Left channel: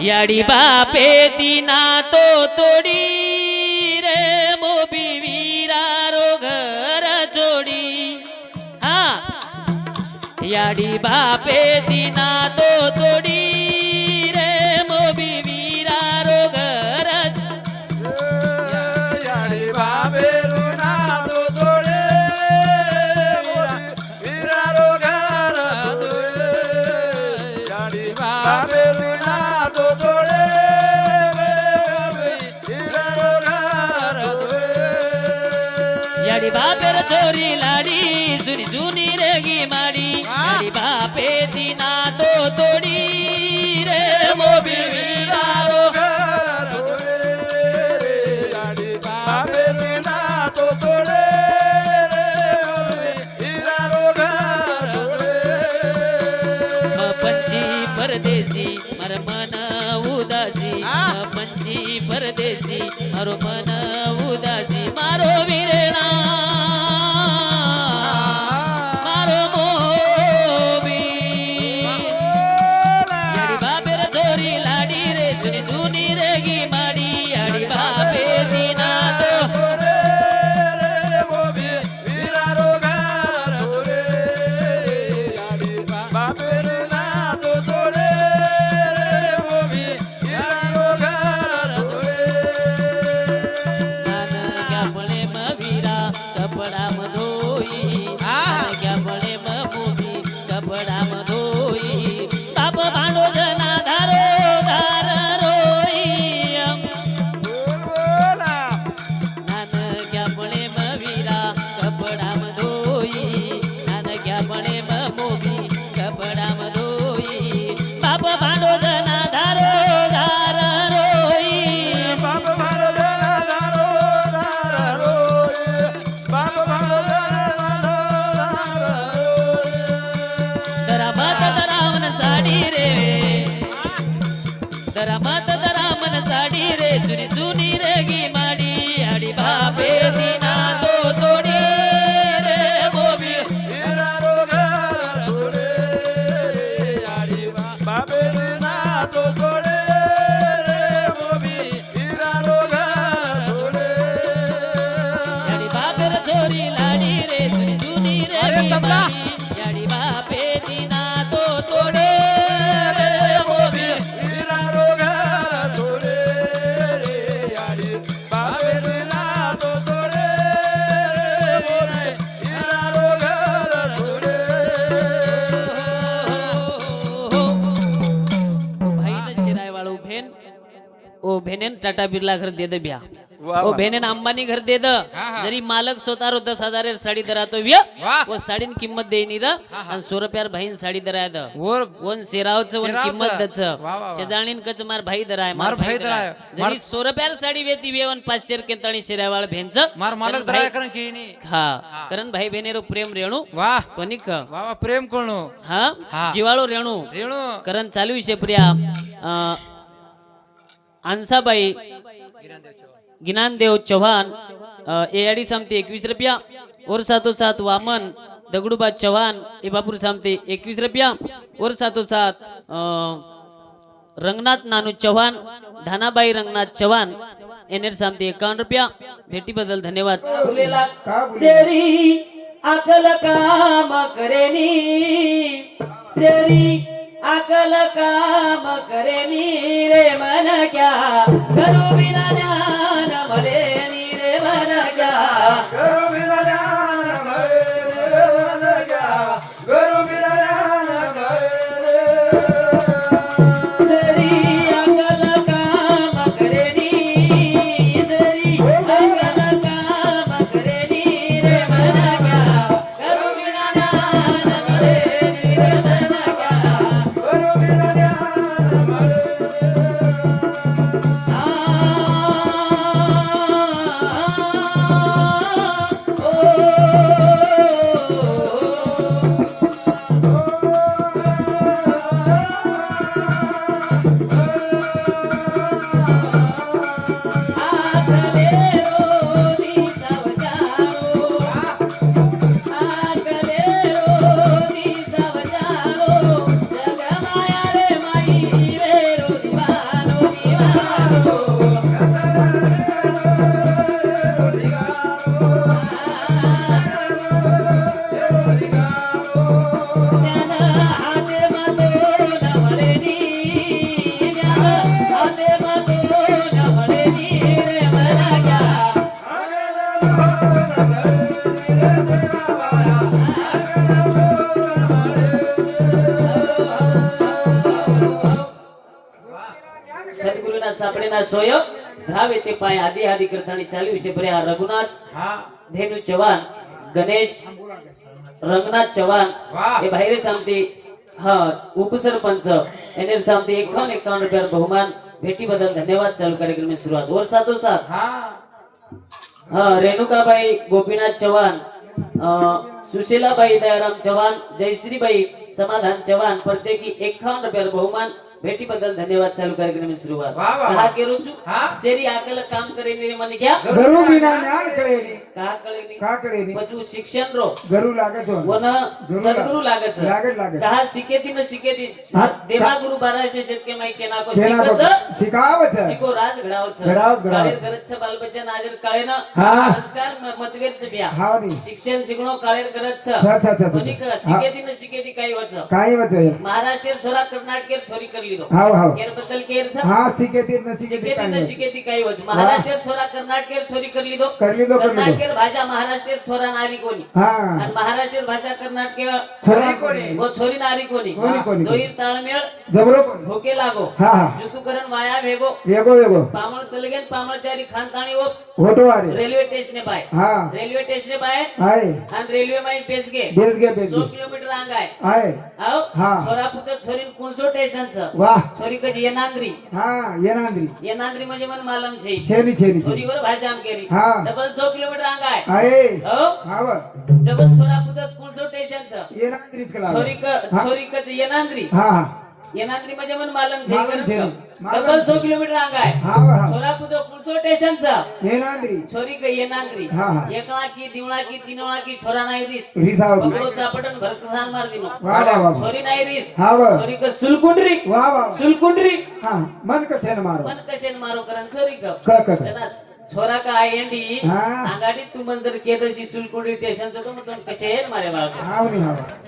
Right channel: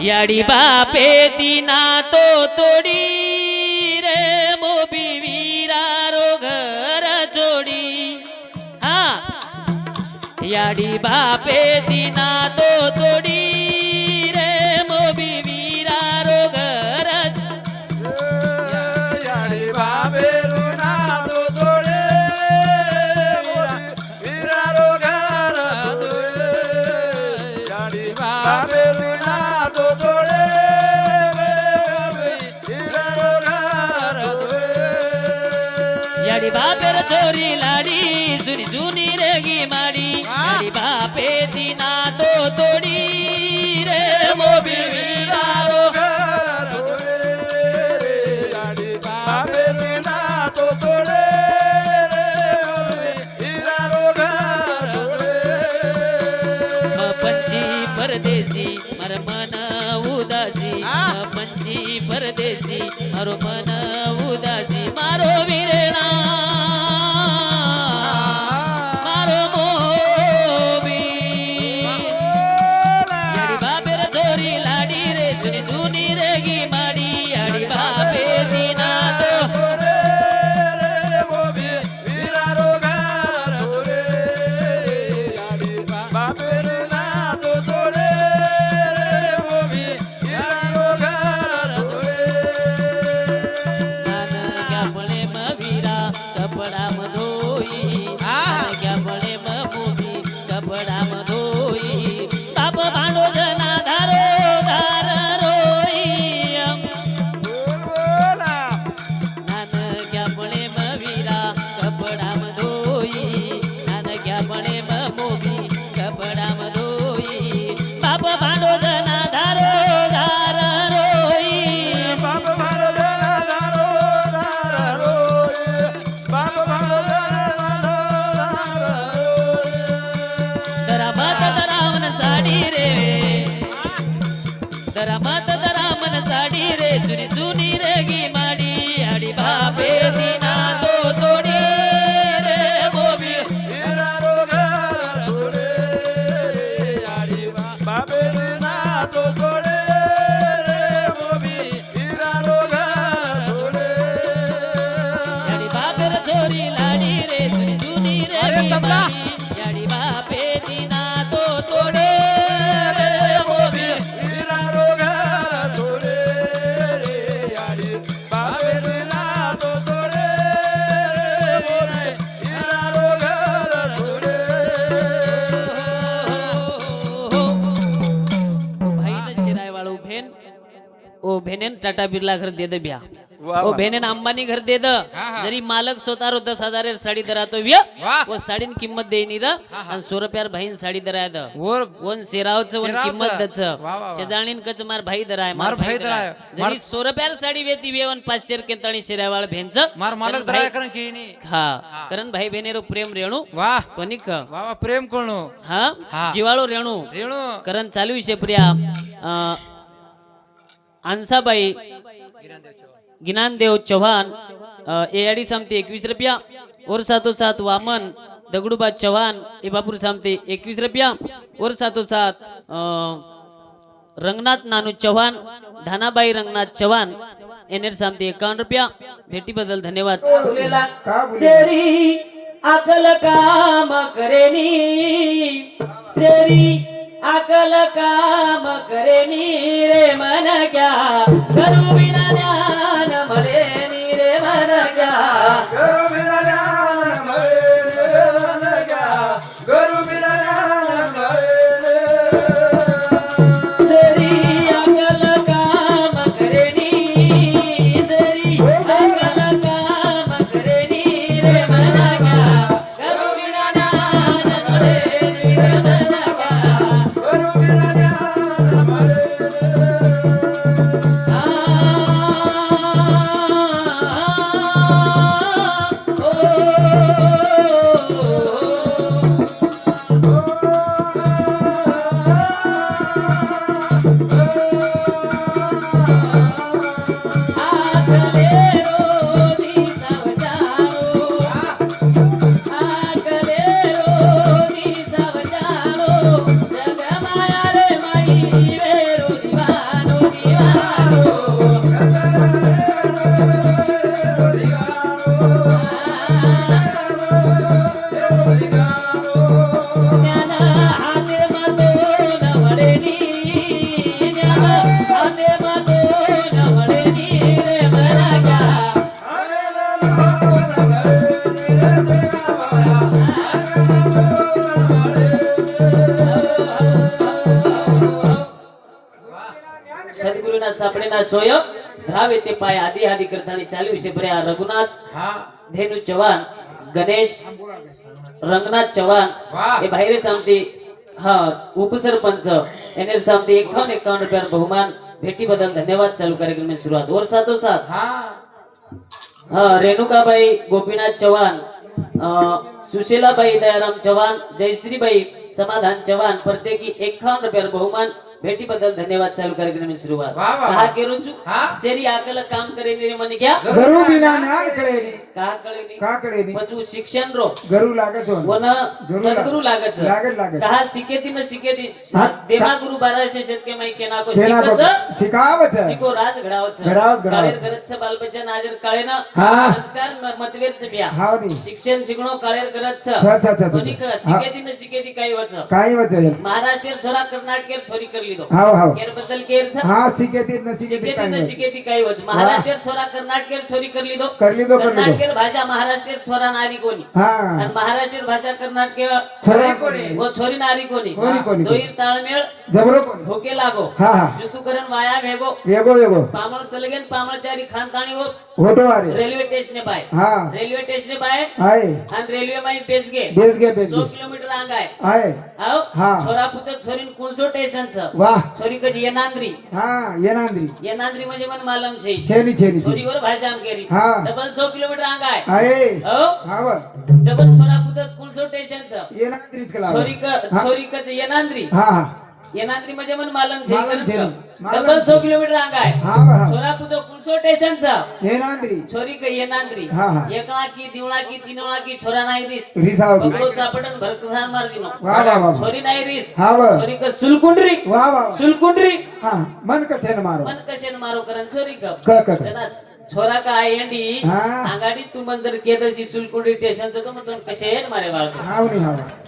याडी बापे दिना तो तोडी रे मोबी वीरा रो घर जोडी. हा. याडी बापे दिना तो तोडी याडी बापेर चोरी लाडी जुनी जुनी रेगी माडी. याडी बापे दिना तो तोडी रे मोबी वीरा रो पंची परदेसी मर मन उदासी. पंची परदेसी मारो मन लाडी মোদী टाटा बिर्ला घर दे दे ब्या वा. भेनेन अंबानी घर दे द. जरी मालक स्वतः रो दस हजार साडी दरातो व्य वा. ओ साडीन किंमत द आणि सो रुपयार भाईन साडी दराय द। वन सेरावचं वन. किंमत दच. शेजाणीन कच मार भाई दराय मार भाई दराय. जरी मार- सो रुपयार साडी वेती वेवन पाचशे केंताळी शिरायवाळ भेंच। मार मालक दराय करण की नी? हा. कारण भाई बहिणीरो प्रेम रेणू। वा. कोणिक वा वा प्रेम कोणू? हा? हा. जिवाळू रेणू। रेणू. करण चालू विषय प्रिया। आंसाबाई ज्ञानदेव गिनानदेव चव्हाण एआडी सामते एकवीस रुपया और सातो सात वामन दगडूबा चव्हाण ए बापूर सामते एकवीस रुपया और सातो सात रंगनाथ नानू चव्हाण धानाबाई रंगनाथ चव्हाण एनेर सामते एकावन्न रुपया भेटीबद्दल धन्यवाद सेरी अकल काम करेनी ધરાવે તે પાય આદિ આદિ કરતાની ચાલી વિશે ભર્યા રઘુનાથ હા ધેનુ ચૌહાણ ગણેશ રંગનાથ ચૌહાણ વાહ. એ ભાઈરે સામતી હા ઉપસરપંચ એને સામતી એકાવન એકાવન રૂપિયા બહુમાન ભેટી બદલ ધન્યવાદ ચાલુ કાર્યક્રમની શરૂઆત ઓર સાથો સાથ હા હા રેણુકાભાઈ ગોપીનાથ ચૌહાણ અ, સુશીલાભાઈ દયારામ ચૌહાણ જયશ્રીભાઈ સમાધાન ચૌહાણ પ્રત્યેકી એકાવન રૂપિયા બહુમાન ભેટી બદલ ધન્યવાદ भेटी बद्दल धन्यवाद चालू कार्यक्रम सुरुवात. कहा के रोजू? सेरी आकल काम करेली मन क्या घरू बिना पचू शिक्षण रो. घरू लागत वन सद्गुरु लागत लागत लागत कहा सिकेती में सिकेती. देवा गुरु 1200 शतके में केना को शिकत शिकावत? शिको राज घडावत. घडावत घडावत. करत छ बाल आजर काळे ना संस्कार मतभेद छ बिया. शिक्षण शिकणो काळे करत छ कोणी सिकेती में सिकेती काही वच. काही वच. महाराष्ट्र छोरा कर्नाटक छोरी करी છે છ, છ, છ, છ. કોની કર શીખેતી ને શીખેતી કઈ વચ કાઈ વચે મહારાષ્ટ્ર છોરા કર્ણાટક છોરી કરી લીધો હાવ હાવ કેર બદલ કેર છે હા શીખેતી જ નથી શીખેતી શીખેતી ને કાઈ શીખેતી કઈ વચ મહારાષ્ટ્ર છોરા કર્ણાટક છોરી કરી લીધો કરી લીધો કરી લીધો કર્ણાટક ભાષા મહારાષ્ટ્ર છોરા નારી કોની હા અને મહારાષ્ટ્ર ભાષા કર્ણાટક છોરા કોની? વો છોરી નારી કોની કોની, કોની? દોઈ તાળમેળ જબરો કોણ? ભોકે લાગો હા હા જુતું કરણ વાયા ભેગો વેગો વેગો પામણ ચલે ગયા પામણચારી ખાનદાણી હો હોટો વારે રેલવે સ્ટેશને બાય હા રેલવે સ્ટેશને બાય આય અને રેલવે માં બેસ ગે બેસ ગે બેસ સો ગે કિલોમીટર આંગાય આય આવ હા. છોરા પુત્ર છોરી કોણસો સ્ટેશન છે वा. छोरी कशी येनांद्री हा येनांद्री येनांद्री म्हणजे मन मालम छे. छेरी छेरी छोरीवर भाषा आम केरी हा. डबल सो किलोमीटर अंग आहे. अरे हो? हाव डबल सोरा पुतच कुलसो स्टेशनचं येनांद्रीच कला छोरी क छोरी कच येनांद्री हा हा. येणात्री म्हणजे मन मालम थिरम सतत सो किलोमीटर अंग आहे. सोलापूरचं पुढचं स्टेशनचं. येणात्री छोरी का येणात्री एकळा की दिवळा की तिनळा की छोरा नाही दिस. बगडो चापटन भरकसान मार दिनो छोरी नाही दिस. छोरी का सुलकुंडरी. सुलकुंडरी. मन कशेन मारो. मन कसे मारो करन छोरी का. छोरा का आहे यांनी आगाडी तू मंजर केदशी सुलकुंडरी स्टेशनचं तर मग कसे येत मारे बाळा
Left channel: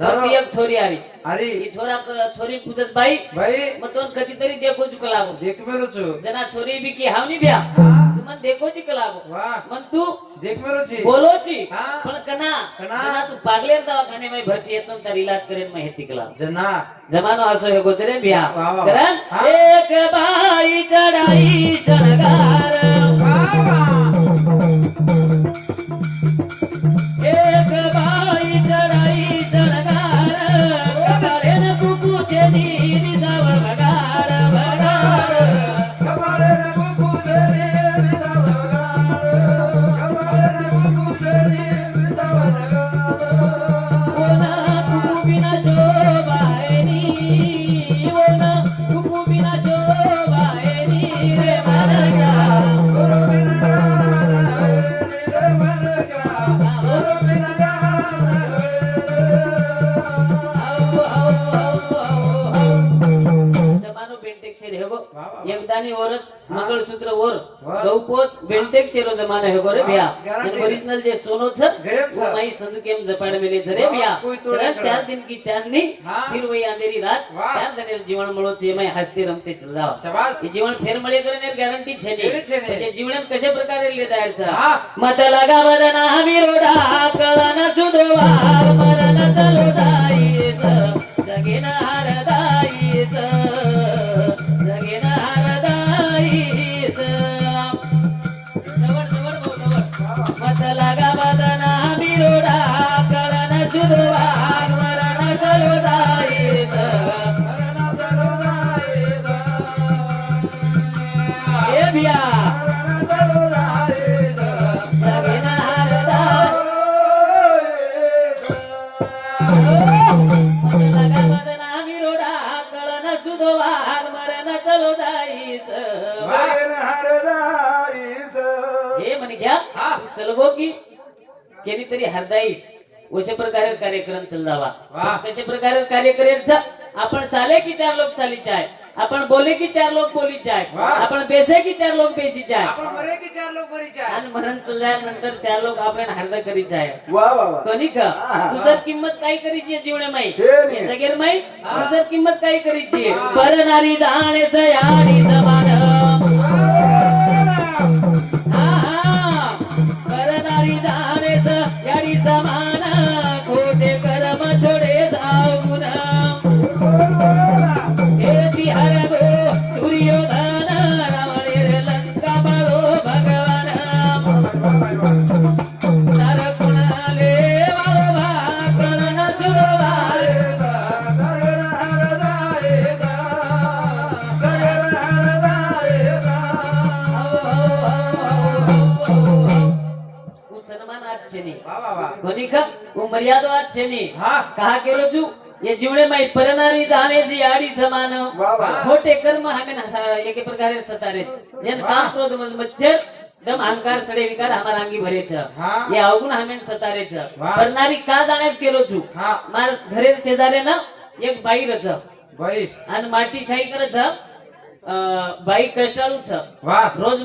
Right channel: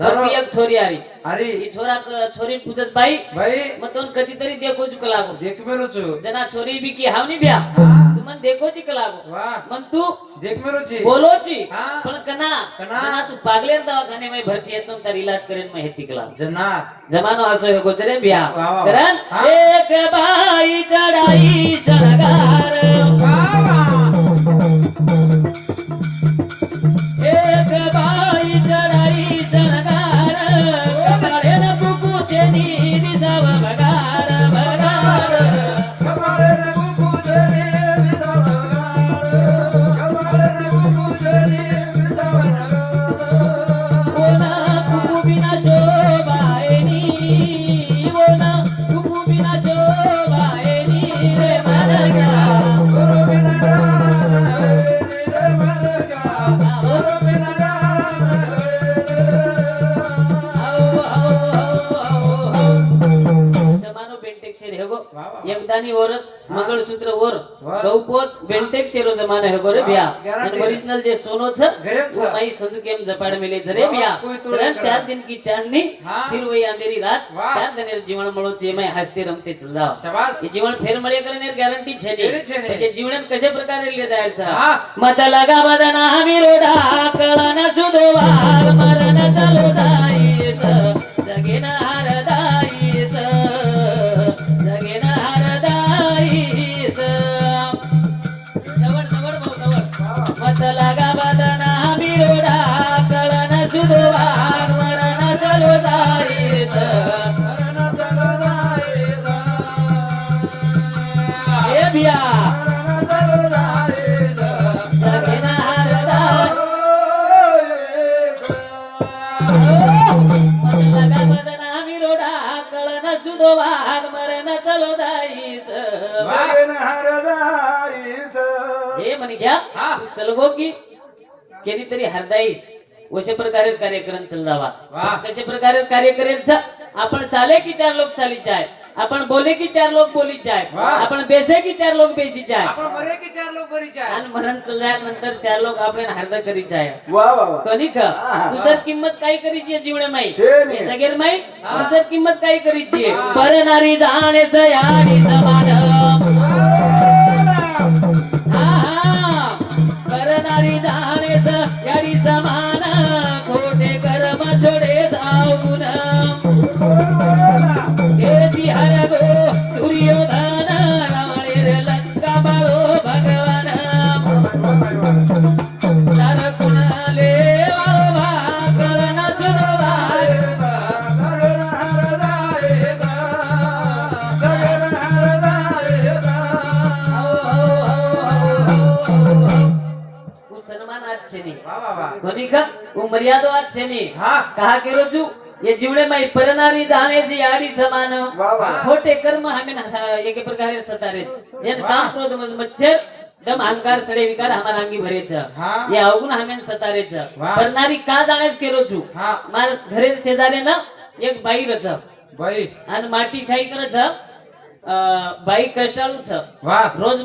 ઘરની એક છોરી આવી અરે એ છોરા છોરી પૂછસ ભાઈ ભાઈ મત તો કદી દેખો જ કલાગો દેખ મેલો છો જના છોરી બી કે હાવની બ્યા મન દેખો જી કલાગો મન તું દેખ મેલો છી બોલો છી પણ કના કના તું પાગલે દવાખાને માં ભરતી હે તો તાર ઇલાજ કરીને માં હેતી કલા જના જમાનો આસો હે ગોતરે બ્યા કરણ એક બા आणि वरच मंगळसूत्र वर गौपोत बेंतेक शेरो जमाना है बरे भ्या ओरिजिनल जे सोनो छ भाई संत केम जपाड़ मेले जरे भ्या रन चार दिन की चांदनी फिर वही अंधेरी रात. चार दिन जीवन मळो जे मै हसते रमते चल. जाओ जीवन फेर मळे करे ने गॅरंटी छे जे. ते जीवन कशा प्रकारे ले जायचं? मत लगा बदना विरोधा कळन सुधवार मरण चलो दाई सगेना केली तरी हरदाईस. अशा प्रकारे कार्यक्रम चालवावा वा. कशा प्रकारे कार्य करेल आपण चाले की चार लोक चाली चाय आपण बोले की चार लोक बोली चाय वा. आपण बेसे की चार लोक बेसी चाय आपण मरे की चार लोक बरीच आहे आणि मरण चालल्यानंतर चार लोक आपण हरदा करी चाय वाह वाह वाह कधी का? हा, हा. तुझर किंमत काय करीची आहे जीवना माई? छे ने. जगेर माई? तुझर किंमत काय करीची आहे? दाणे तयारी जबान મર્યાદો આજ છે ની हा કહા કેરો છું એ જીવણે માં પરનારી જાણે છે યારી સમાન વાહ, વાહ. ખોટે કર્મ હમે એક પ્રકારે સતારે છે જેને કામ ક્રોધ મદ મચ્છર દમ અહંકાર સડે વિકાર હમારા અંગી ભરે છે હા. એ અવગુણ હમે સતારે છે વાહ. પરનારી કા જાણે છે કેરો છું હા. મારા ઘરે શેજારે ના એક બાઈ રચ भाई અને માટી ખાઈ કરે છે અ, બાઈ કષ્ટાળુ છે वाह રોજ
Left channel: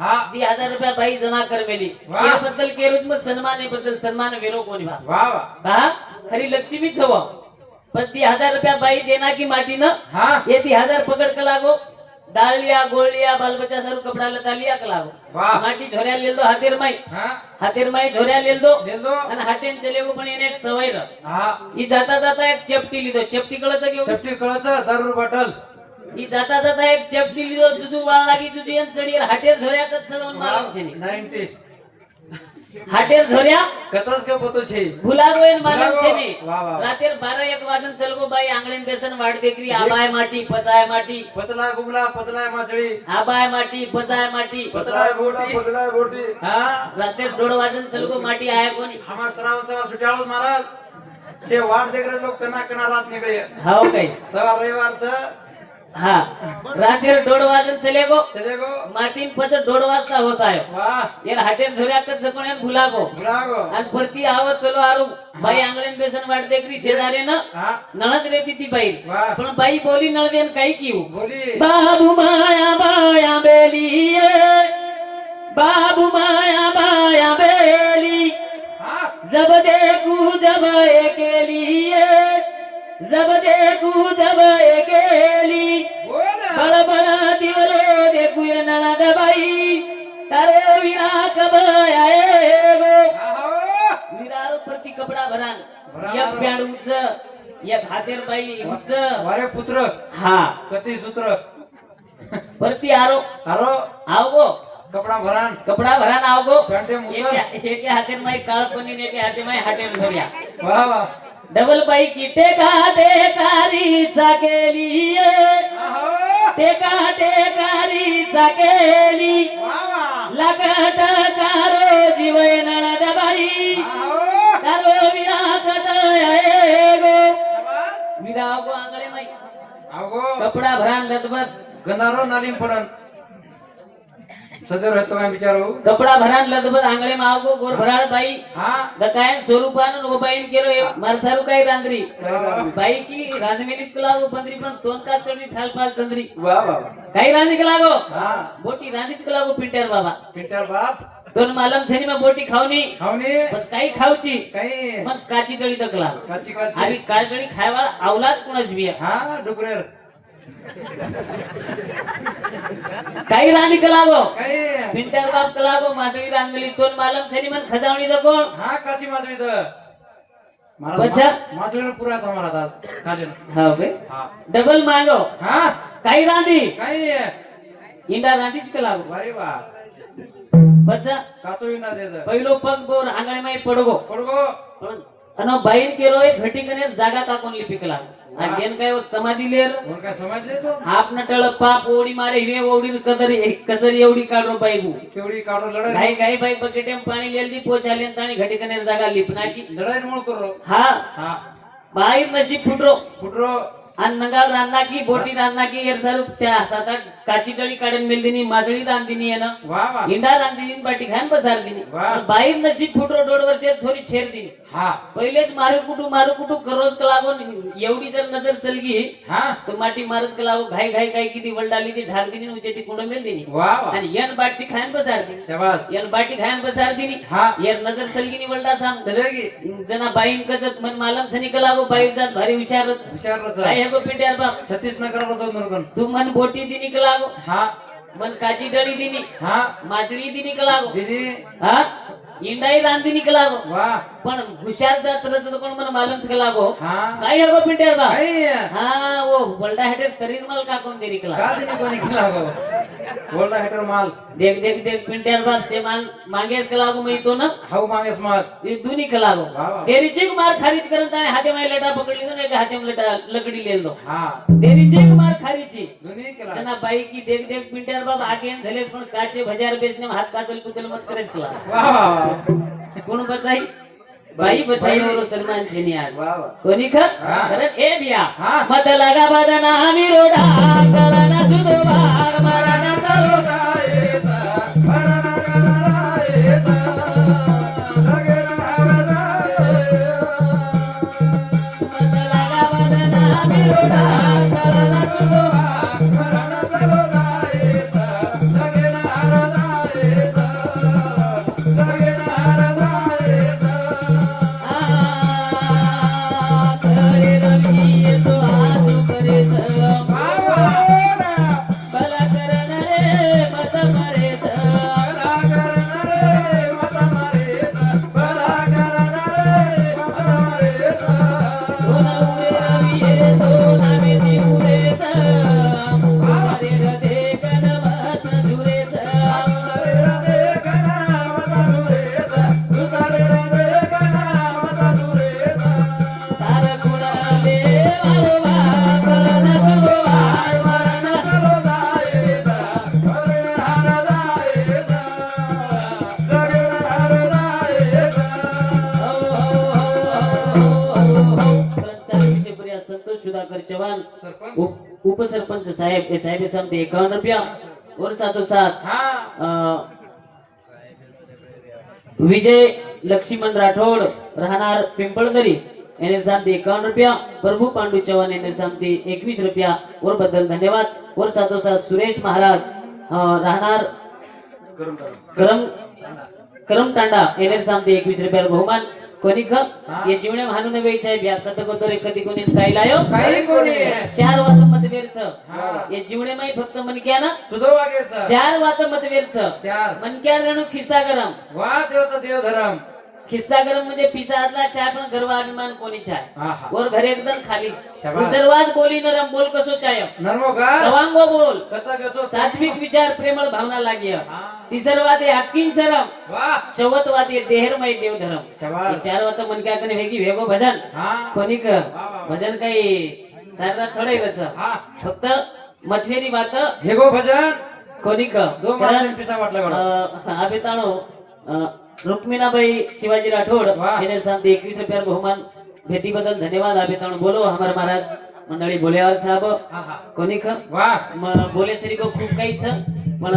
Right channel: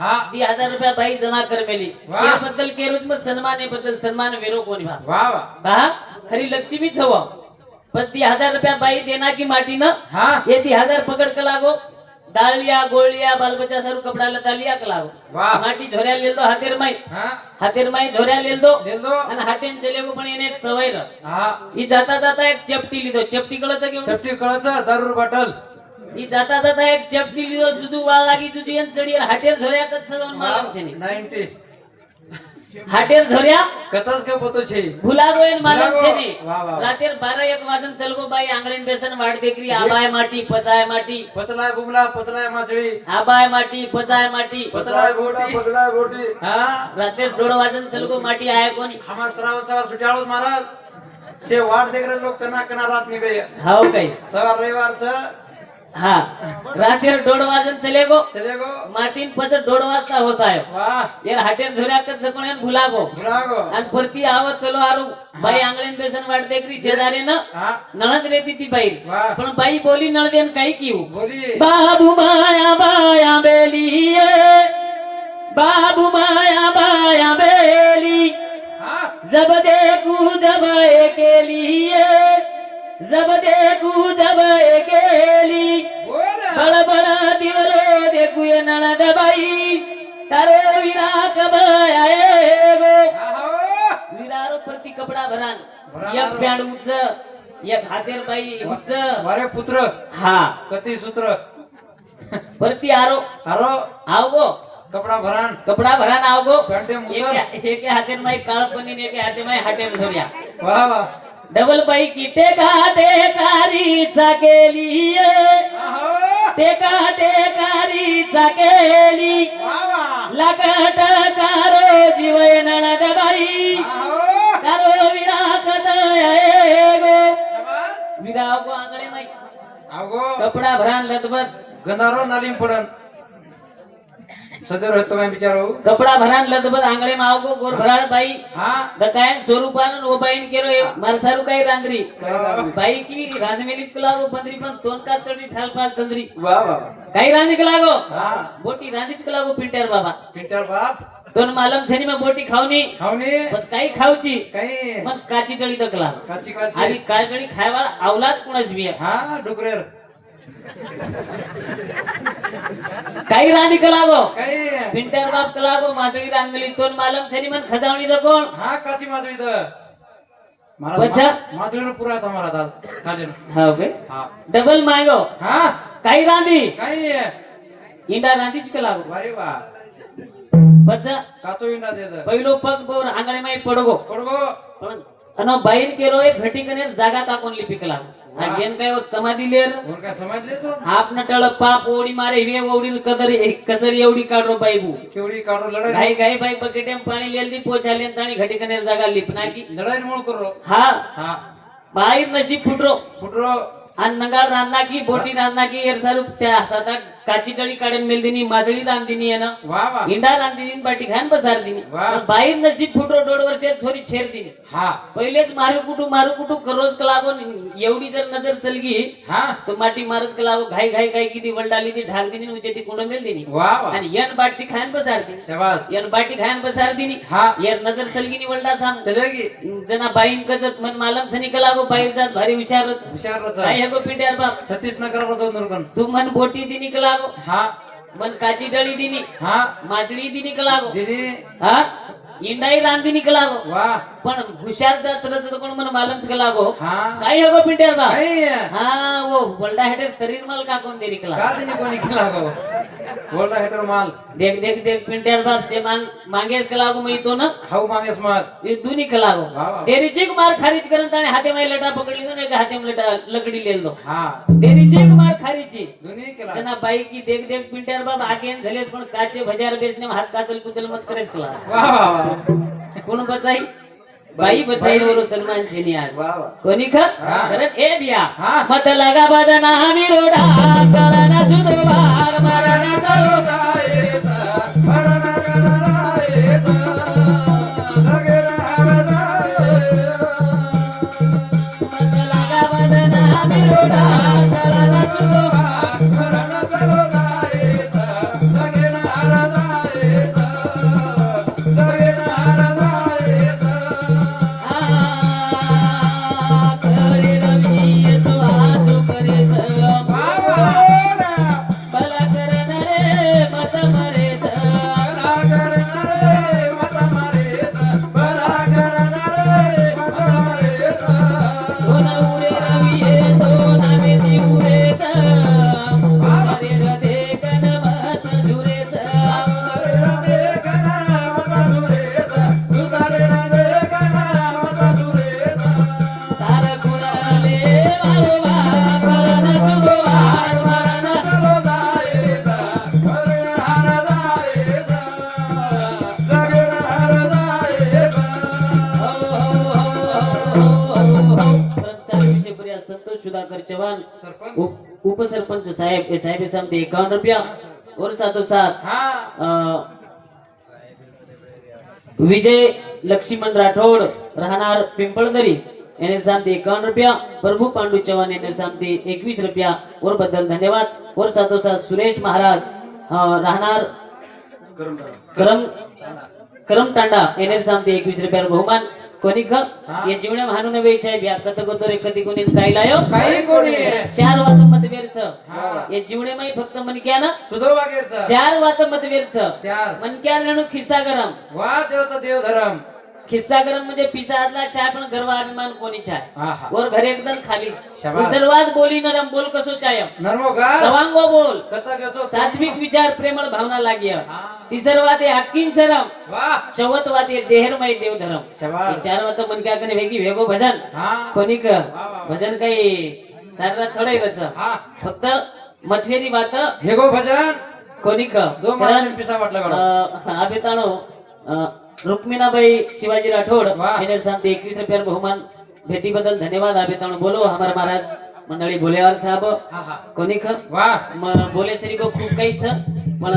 दी हजार रुपया बाई जमा कर मेली. बद्दल केरोज मैं सन्मान बदल सन्मान वेरो को वा खरी लक्ष्मी हवा बस ती हजार रुपया बाई देना की माटी न ये ती हजार पकड़ के लागो. डालिया बाल बच्चा सारो कपडा लता लिया के लागो. माटी ले लेलो हाथेर माई. हातेर माई झोऱ्या लेलो आणि हातेन चलेगो पण येणे एक सवाई जाता जाता एक चपटी लिदो चपटी कळच हो? चपटी कळच दर बटल. मी जाता जाता एक जप दिली तो दुधू वाला लागी दुधी आणि चढी हाटेल धोऱ्या कच चलवून मागम छे नाइन्टी हाटेल धोऱ्या? कतस के पतो छे भुला गोयन माझ्या छे ने रातेर 12 एक वाजन चलको बाई आंगळीन बेसन वाट बेकरी आबाय माटी पचाय माटी. पतलाय गुमला पतलाय माचळी आबाय माटी पचाय माटी. पतलाय गोटी पतलाय गोटी. हां? रातेर वाजून वाजन चलको माटी आहे कोणी? हमार सराव सराव सुटाळो महाराज. ते वाट देख लोक लोग कना कना रात निकले हाव काही. सवा रविवारचं रातेर रातिर डोडो चलेगो चले गो. चले गो. मार्टिन पच डोडो वाजता हो साहेब. ये हाटेर झोऱ्या कच जकोण येन भुला गो. परती आवत चलो आरू. भाई आंगळेन बेसन वाट देखरी शेजारी ना नणद रेती ती बाई. पण बाई बोली नळ देन काही किऊ. बोली. बाबू माया माया बेली बाबू माया एक हातेर बाई उंच वारे पुत्र. हा. कती सूत्र. आरो. अरो आव गो कपडा भरान कपडा भरान आव गो घंटे मुलं. एके एके हातेर माई काळ पनीर एके हाते माई हातेर धर्या वा वा. डबल बाई की. टेका टेकारीचा केली वा वा. लगट गंधारो नालीम पडन सदर होतो कपडा भरान लदबत आंगळे मावगो गोर भराळ बाई. हा? दकायन स्वरूपान ओबाईन केलो मरसारू काय रांद्री बाई की रांधवेलीच कलागो पंद्री पण तोन का चढी ठालपाल चंद्री. काही रांधी कलागो हा. बोटी रांधीच कलागो पिंटर बाबा. पिंटर बाप. दोन मालम में बोटी खावनी खावणे पण काही खावची काही? मग काची तळी दकला काची. आणि काची काळकडी खायवा कुणाच बी. हा डुकरेर काही राणी कलागो काही पिंटर बाप कलागो माधवी रांगली दोन मालम छनी मन खजावणी कोण? हा काची माधवी तर. अच्छा. माधवीला पुरा तुम्हाला दादा खाली हा ओके. डबल मागो. हा? काही रांधी काही इंडा रांधीच कलागो वारे वा. बच्चा काचो इंडा देत पहिलो पग बोर आंगळे माई पडगो. पडगो अन बैल केलो एक घटी कने जागा टाकून लिपिकला. समाधी मारे हिवे ओडी कदर कसर एवढी काढो बाई भू केवढी काढून लढाई? घाई घाई बाई बकेटेम पाणी लेलदी पोचाले आणि घटी कने जागा लिपना की लढाई मूळ करो? हा. हा. बाहेर नशीब फुटरो. फुटरो. आणि नगार रांना की बोटी रांना की एर सर चा सात आठ काची तळी काढून मेलदिनी माधवी रांदिनी आहे ना इंडा रांदिनी बाटी खान बसार दिनी. वा. बाहेर नशीब फुटरो दोड वर्षात थोडी छेर दिनी हा. पहिलेच मारू कुटू मारू कुटू करोज कलावून एवढी जर नजर चलगी हा. तो माटी मारच कलावो घाई घाई घाई किती वलडाली ती ढाल दिनी उचे ती कोण मेल दिनी वा वा. आणि यन बाटी खायन बसार दिनी. यन बाटी खायन बसार दिनी. हा. यार नजर चलगी नि वलडा साम चलेगी जना बाईन कजत मन मालम सनी कलावो बाहेर जात भारी आहे गो पिंड्यार बाप? छत्तीस नगर तू मन बोटी दिनी कलावो हा. मन काची डळी दिनी. हा. मासळी दिनी कलावो दीदी हा? इंडाई रांदिनी कलावो वा. पण हुशार जात रच कोण मन मालमच हा. काय पिंड्यार बाप काही हा वो बलडा हेटर तरीर माल का कोण देरी कला का दिनी कोणी केला गो बोलला हेटर माल. देख देख देख पिंट्यार बाप से मांग मांगेस कलागो मी तो ना हाऊ मागेस माल. ये दुनी कलागो. तेरी चिक मार खारीच करत आणि हाते माय लेटा पकडली ना एका हाते लेटा लकडी लेलो हा. तेरी चिक मार बाई की देख देख पिंट्यार बाप आगे झालेस पण काचे भजार बेसने हात काचल कुचल मत करेस वा वा कोण बचाई? बाई बचाई वर सलमान छेनी आज. कोणी हा. अरे ए दिया. मत लगा बदना रोडा. उपसरपंच साहेब साहेब सांगते एकावन्न रुपया. और सातो सात विजय लक्ष्मण राठोड राहणार पिंपळदरी. याने सांगते एकावन्न रुपया. प्रभू पांडू चव्हाण याने सांगते एकवीस रुपया. औरबद्दल धन्यवाद. और सातो सात सुरेश महाराज अं, करम करमतांडा येणे सांगते एकवीस रुपयाला बहुमान. कोणी ख ये जीवने भानून वेचाय भ्या कत कोतरे कधी कोणी काय लायो? काही कोणी. चार वात मतवेरच ये जीवने माई फक्त मन क्या ना? सुधो वागेचा. चार वात मतवेरच चार. मन क्या रेणू खिस्सा गरम. वा देवता देव धरम खिस्सा गरम म्हणजे पिसा आदला चाय पण गर्व अभिमान कोणी चाय वर घरी एकदम खाली. सर्वात बोली नरम बोल कसो चाय सवांगो बोल. सात्विक विचार प्रेमळ भावना लागिय तिसर वात आहे हटकीन शरम. वा. चौवत वात आहे देहरमय देव धरम शाबास. चार वात मन क्या कने वेगी वेगो भजन. कोणी क भजन काही सारा थोडे रच हा. फक्त वात हेगो भजन. कोणी क दो महाराज पिसा वाटला बघा. रुक्मिणाबाई शिवाजी राठोड. मेरे साथ एकवीस रुपया बहुमान भेटी बदल धन्यवाद. आबे ताणो बोलो. हमारे महाराज मंडळी बोलेवार साहब. कोणी म- बोले सरी को खूप पण